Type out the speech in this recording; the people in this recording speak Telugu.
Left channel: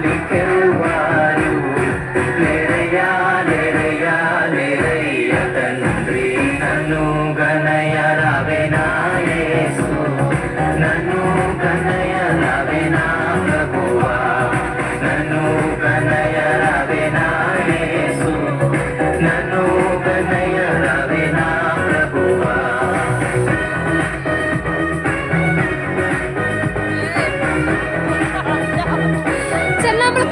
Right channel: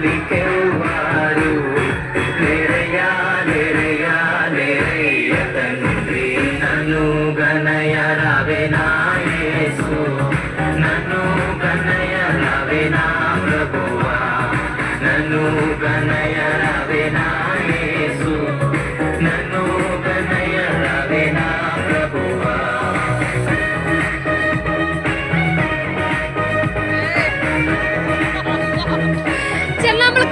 పోలికెవ్వారు లేరయ్యా లేరయ్యా లేరయ్య తండ్రి నన్ను గనయ రావేనా యేసు నన్ను గనయ రావేనా ప్రభువా నన్ను గనయ రావేనా యేసు నన్ను గనయ రావేనా ప్రభువా చెల్లమ్మలు